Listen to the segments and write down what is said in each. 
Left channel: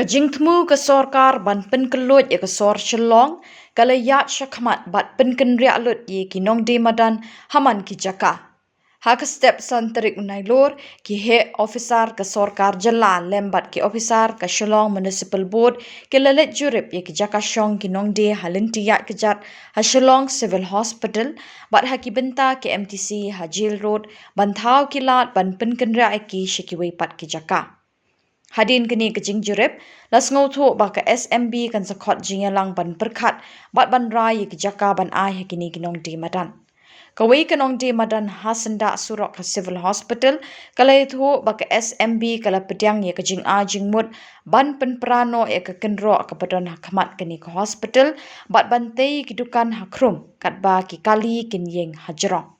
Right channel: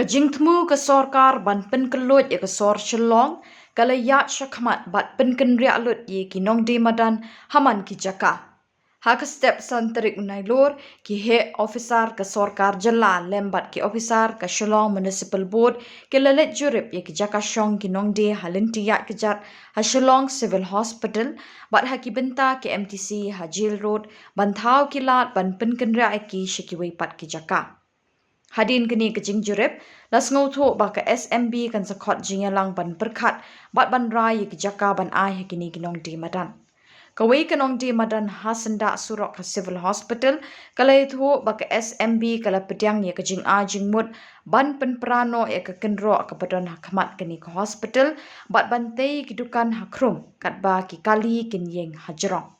Kajingtmu ke sorkar ban pen kelut ya ke sor shelong kalayat syakmat bat pen kenriak lut ye kinong de madan haman ki jaka. Hak step santerik unailor ki he officer ke sorkar jalan lembat ki officer ke shelong municipal board ke lalet jurip ye ki jaka syong kinong de halin tiyak kejat ha shelong civil hospital bat haki benta ke MTC Hajil Road bantau kilat ban pen kenriak ki shikiwei pat ki jaka. Hadin kini kejing jurip, las ngautu baka SMB kan sakot jingelang ban berkat, bat ban rai ke jaka ban ai kini kinong di madan. Kawai kinong di madan hasenda surok ke civil hospital, kala itu baka SMB kala pediang ye kejing a jingmut, ban penperano ye ke kenro ke badan hakamat kini ke hospital, bat bantai kidukan hakrum, kat ba ki kali kin yeng hajrong.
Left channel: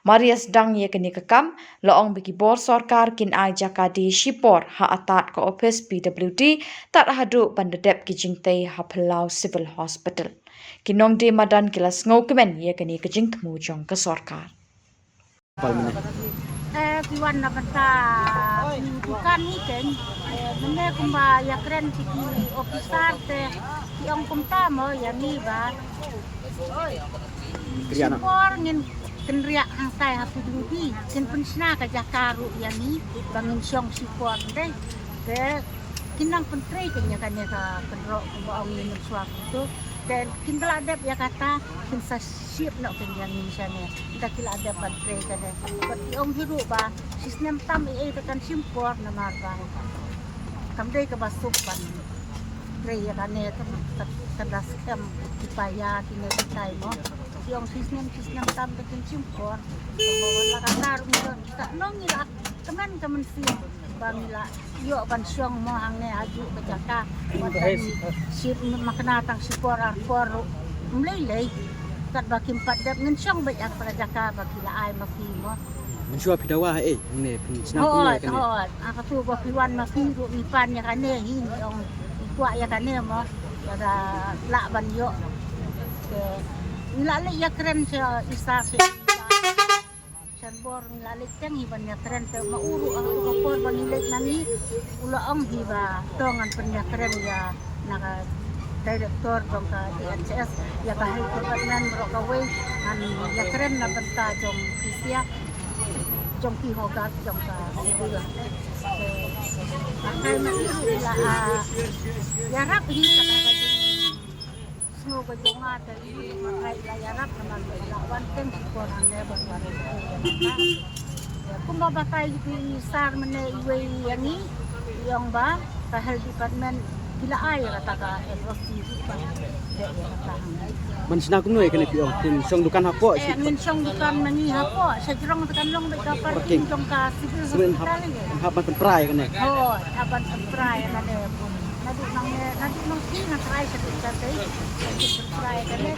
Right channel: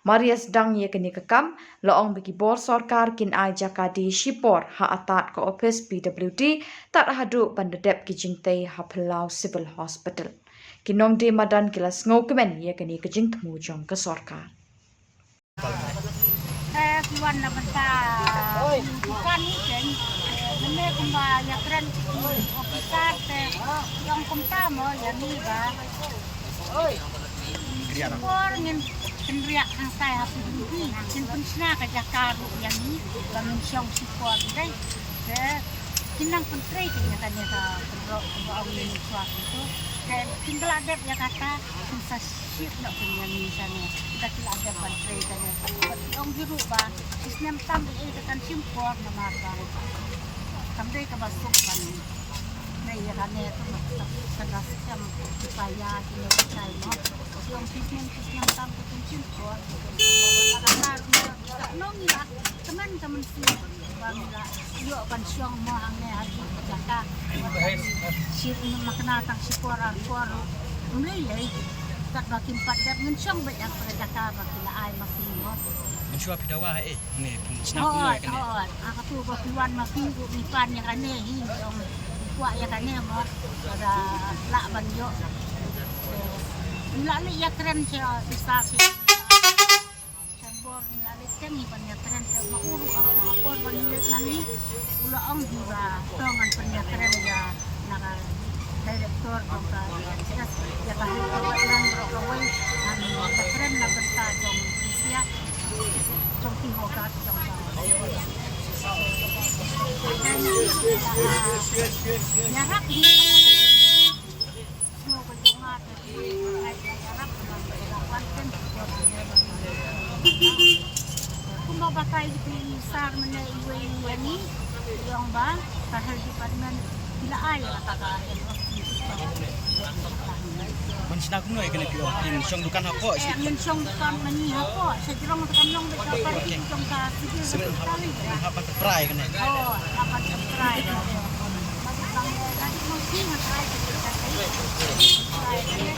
Marias dang ye kini kekam, loong bagi bor sorkar kin ai jaka di Shipor ha atat ke office PWD tak hadu bandedep ki jingtai ha Pelau Civil Hospital. Kinong di madan kilas ngau kemen ye kini kejing temu jong ke sorkar. Tuan na banta bukan ni kan neme kumba ya keren di officer te yang kumta mo ya ni ba Shipor ngin kenriak hang sai ha PWD kin pensna ka jakaru ya ni bangun syong Shipor dai ke kinang pentrei ke ya kan ka kedro kumba awi ni suatu tu dan tinggal ada ya kata kunsa siap nak kumpulan ni sana kita kila ada pentrei kan berarti orang hidup ba sistem tam tekan Shipor na marba sampai ke basuk ban trei ya kan tu sedas em upaya kini kita no yang sistem tam tekan Shipor bawa kata kita nongilak teman si Bangla, yuk ban syong mo ang ne aju ke jaka, sip makna tang Shipor angkor mulai tak baki 4 dap ngen syong baik ang pada jaka baki la ai masih mo. Mensyua pidawa ne pun senang pun kan. Aku tu ba piwan masih ku nipan ya kane hi yang kuat ya kane mo ada la ban yo. La le ya keren sia isa bor nilalit kan ibanya keren ke mauru aku kapor balilit nani ulaong diba tongan penya keren ya naka director dong ka DHS ya bahai kawan nang rokawai ya keren na benta dong isia dong pihogat dong ka ibu ya ya rap hi semua kerjanya dari ya rap dengan wanten orang lebar kumba batay di sar mene iwe yani yang ba kahel department bila ay rataka LOC Mensinang kuno kena pio tin song dukan hapo si min song dukan mani hapo sa jirong tekan long be ka parking jong ka sebelum hapan temprai kena hapan temprai kena nanti mang sing ay sa kai temprai kena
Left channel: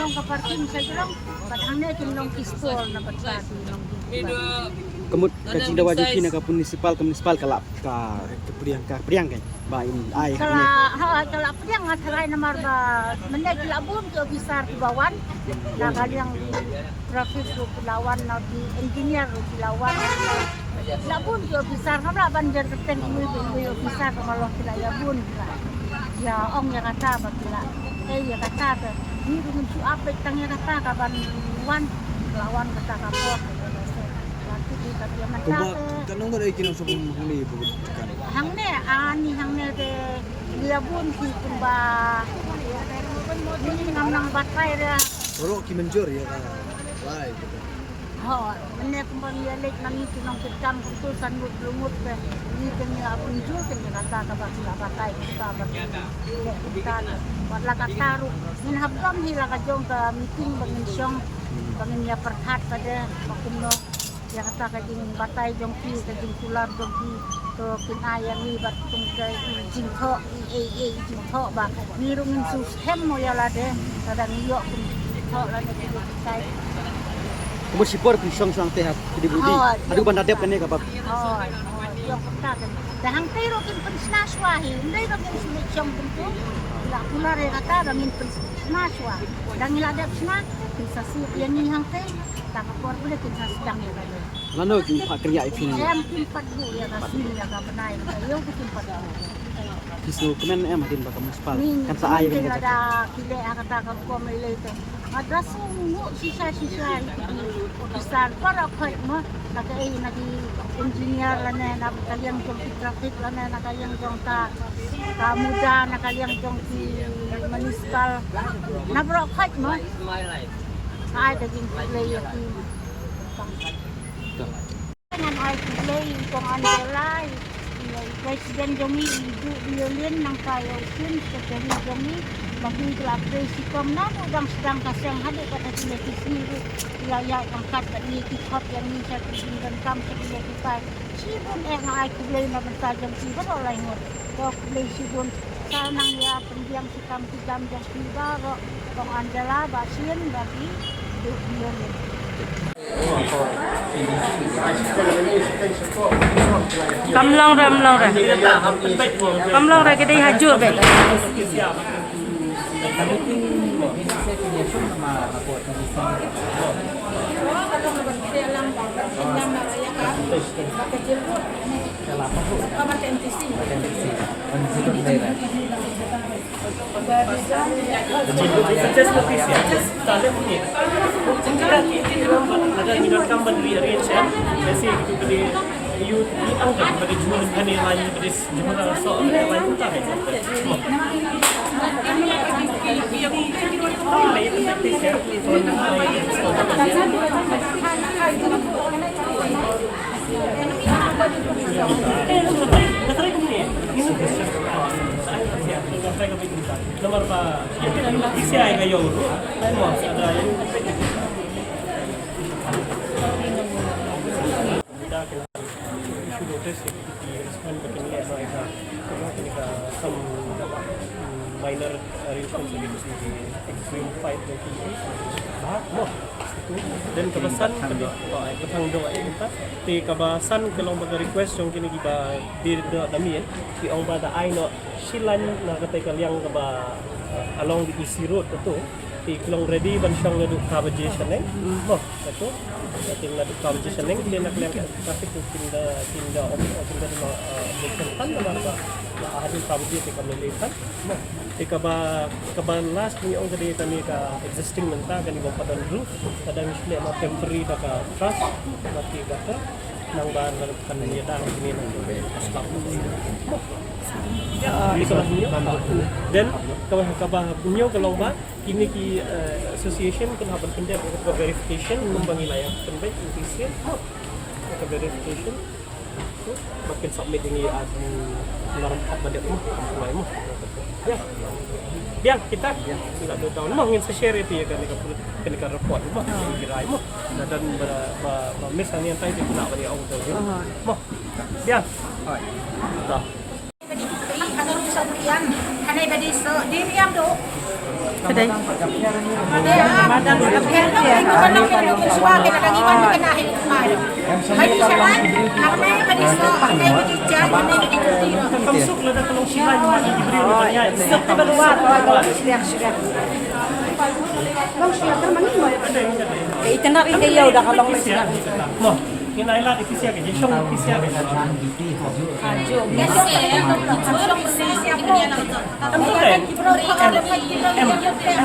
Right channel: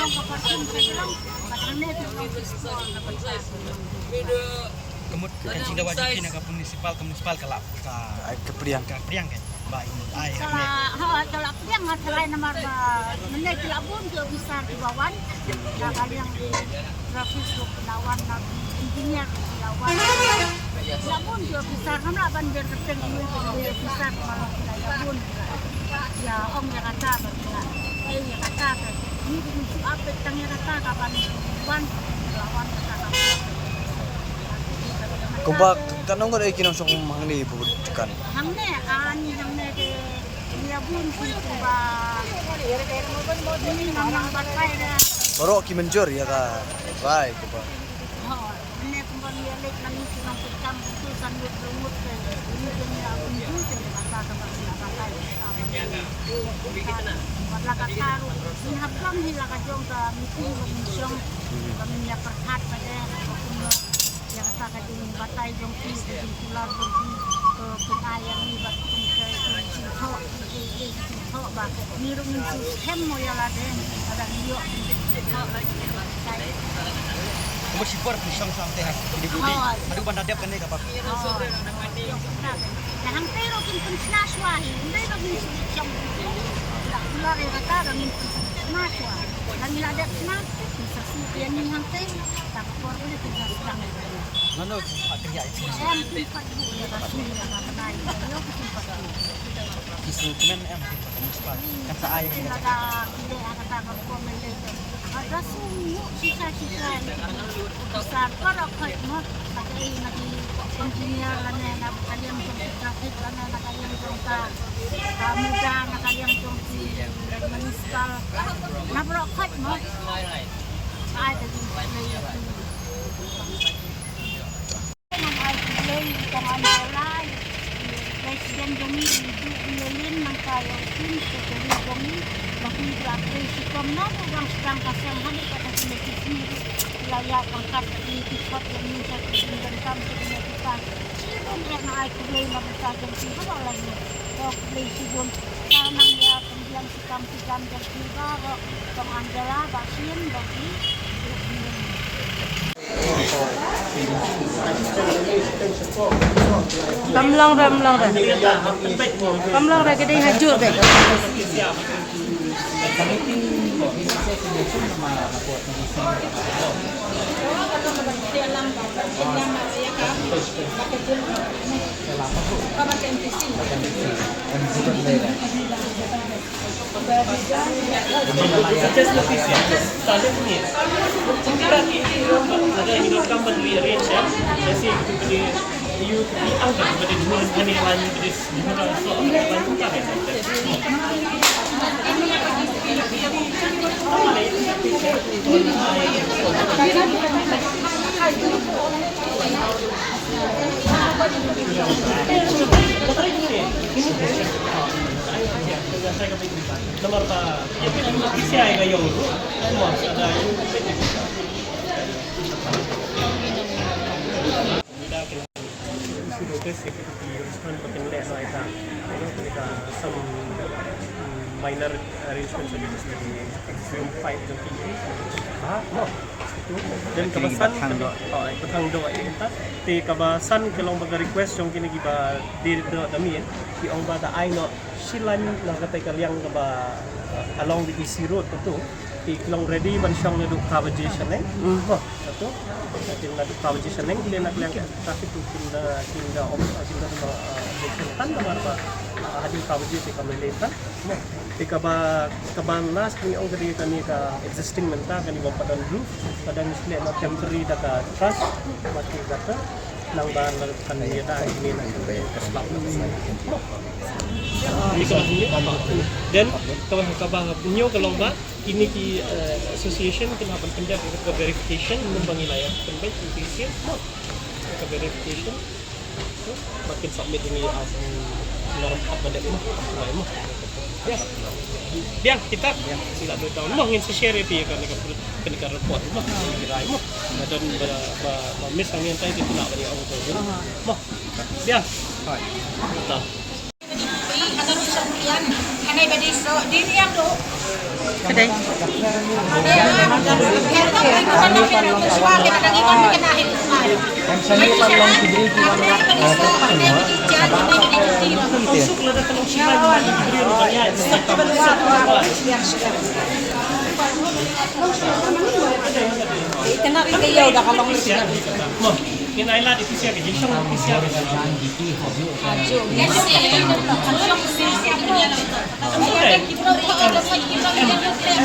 long ka parking sa jirong batangnya long pistol na batang kemud kajing dawa jiki na ka municipal kalap ka kepriang kan ba ini ai kalau priang ngasarai na marba menai kilabun ke besar di bawah na yang di profis lu Pelawan na di engineer lu Pelawan kilabun ke besar mana banjar teten ini ke besar kalau kilabun ya ong ya kata bakila ya kata ni di apa tanya kata kaban wan Pelawan kata apa Kumbak tanong ko kinang sok hangni bukan. Hangne hangne de liabun kumba. Ni nang batay ra. Baro ki menjur ya ka. Bai ke ba. Mene kumba ni lek nang kinang kitang tu sanut lumut ke. Ini kini abun ju ke kata ka ba batay ka ba. Kita wala ka taru. Min habdam hi la ka jong ka meeting mensyong pamilya perhat pada okuno ya kata kajing batay jong ki kajing kular jong ki to kinaya ni bat tung kay jing tho ba ni rung sus hem mo ya la de kadang yo tho la de kay kemud Shipor pun song teh di budi adu bandadep kene ka ba yo kata dahang tiro kin pensnaswa hi ndai ka min silik jong tu la kular ya kata bangin pensnaswa dan ngiladap snak sensasi yang ni hang teh tak kapor boleh kita sedang ya bayo nano ki hak kerja itu saya mungkin 4 bu ya kasih ya ka benai yo mungkin 4 pisu kemen din baka municipal. Ni Kan sa ay kan ada pilih kata kampung Malay tu. Ada semua sisa-sisa besar para khot mo nakai nagi engineer lana nak kalian jong traffic lana nak kalian jong ta muda nak kalian jong di municipal na bro khot mo ai ta din pilih itu. Dengan ai pilih jong andalai Presiden Jongi hidup bilin nang kaya pun secara Jongi bagi diatur si komnas orang sedang pasang habis kata sini wilayah angkat dari tikop yang ni saya dan kam sebenarnya kita sibun ai kulai na bertajam sibun olehnya dok kulai sibun kanang ya pendiam sikam yang tidak kok andala basin bagi bilin Kamlang ra cái đây haju vậy. Nomor pa, isi ay kayo mo ada issue notice respond patengde no ita some minor arrangements di fight nanti mo itu dan kabasan kali ay patang doa ita ti kabasan kalong baga request yung kini giba di do dami ki ong bata ay no silan na katay kalyang kaba along the EC road to iklong ready ban siyang naduk conversation mo to atin naduk conversation hindi na kalyang traffic to kinda election kan na marba ahadi conversation kamilitan mo ikabalas ni ong gadi kami ka existing menta kani bang padon roof padang isle no temporary daka trust mati gata nang ban kan ni da ini na slap na mo dan kabah kalau ba ini ki association kenapa pendek ke verification membangi layak pendek official ke verification tu makin submit ini as ngaram pada mo ya biang kita sila 2 tahun mo ngin share pi kan ka report mo kirai mo dan mis kami antai itu nak bari ang tu mo biang ta Anay ba diso? Dili ang do. Kedai. Masuk lah kalau siapa yang diberi rumahnya setiap kamu Ikan rin kayo dah kalau mo kinailan ifisya ka jisong ifisya ka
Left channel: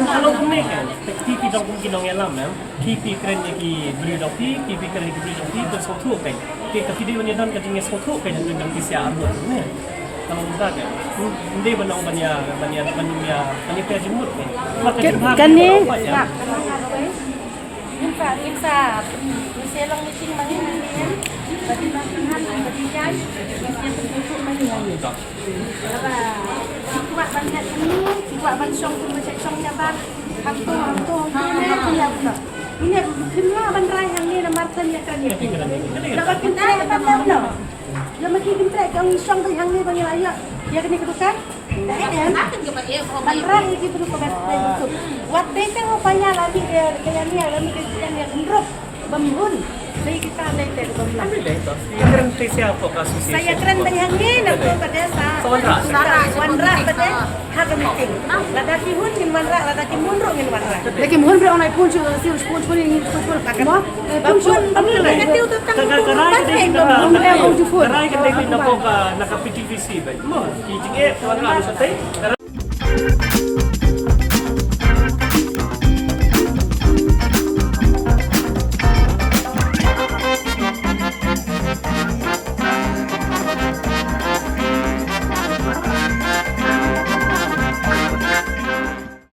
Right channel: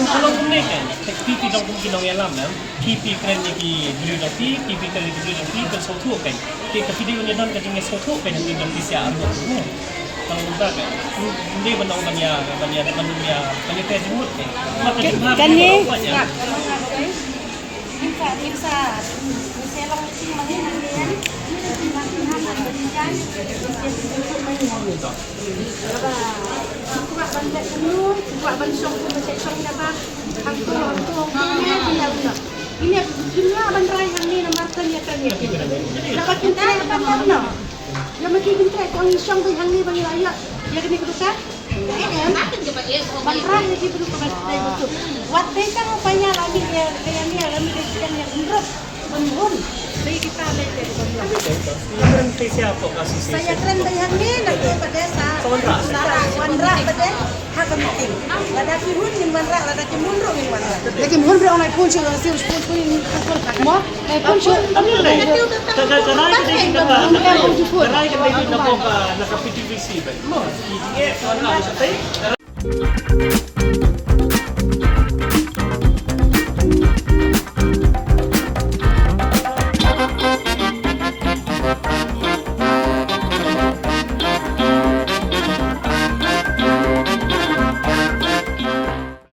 kalau mereka pipi dong kung ginong yalam pipi keren ki beri dong pipi keren ki beri dong pipi sotu kan ti ka video ni don ka jing sotu kan yung dong ifisya arno kalau enggak kan hindi ba nang banya kaya jumut kan maka jumut kan Minsa lang meeting manginginan bagi latihan bagi jai yang bentuk menyanyi. Kuat banget ini, kuat bansong macam apa? Hantu ini dunia bangrai yang ni namarkan ya kan ya. Dapat kita apa no? Yang mungkin kita yang song yang ni bagi layak. Ya kini kedukan. Bangrai ni kita kedukan betul. Waktu itu upaya lagi dia kayak ni lagi yang indrop bambun Sige kita lente ko lang. Ano din to? Yung kay siya po kasi si Saya keren bayang ni na ko pada sa. Wanra. Wanra pada hada meeting. Ladaki hun min wanra, ladaki munro min wanra. لكن مهم بيقولوا يكون شو يصير سبورت فولي ما يكون شو Ano lang? Karay ka din naka PTVC ba? Mo, kiting wanra sa tay.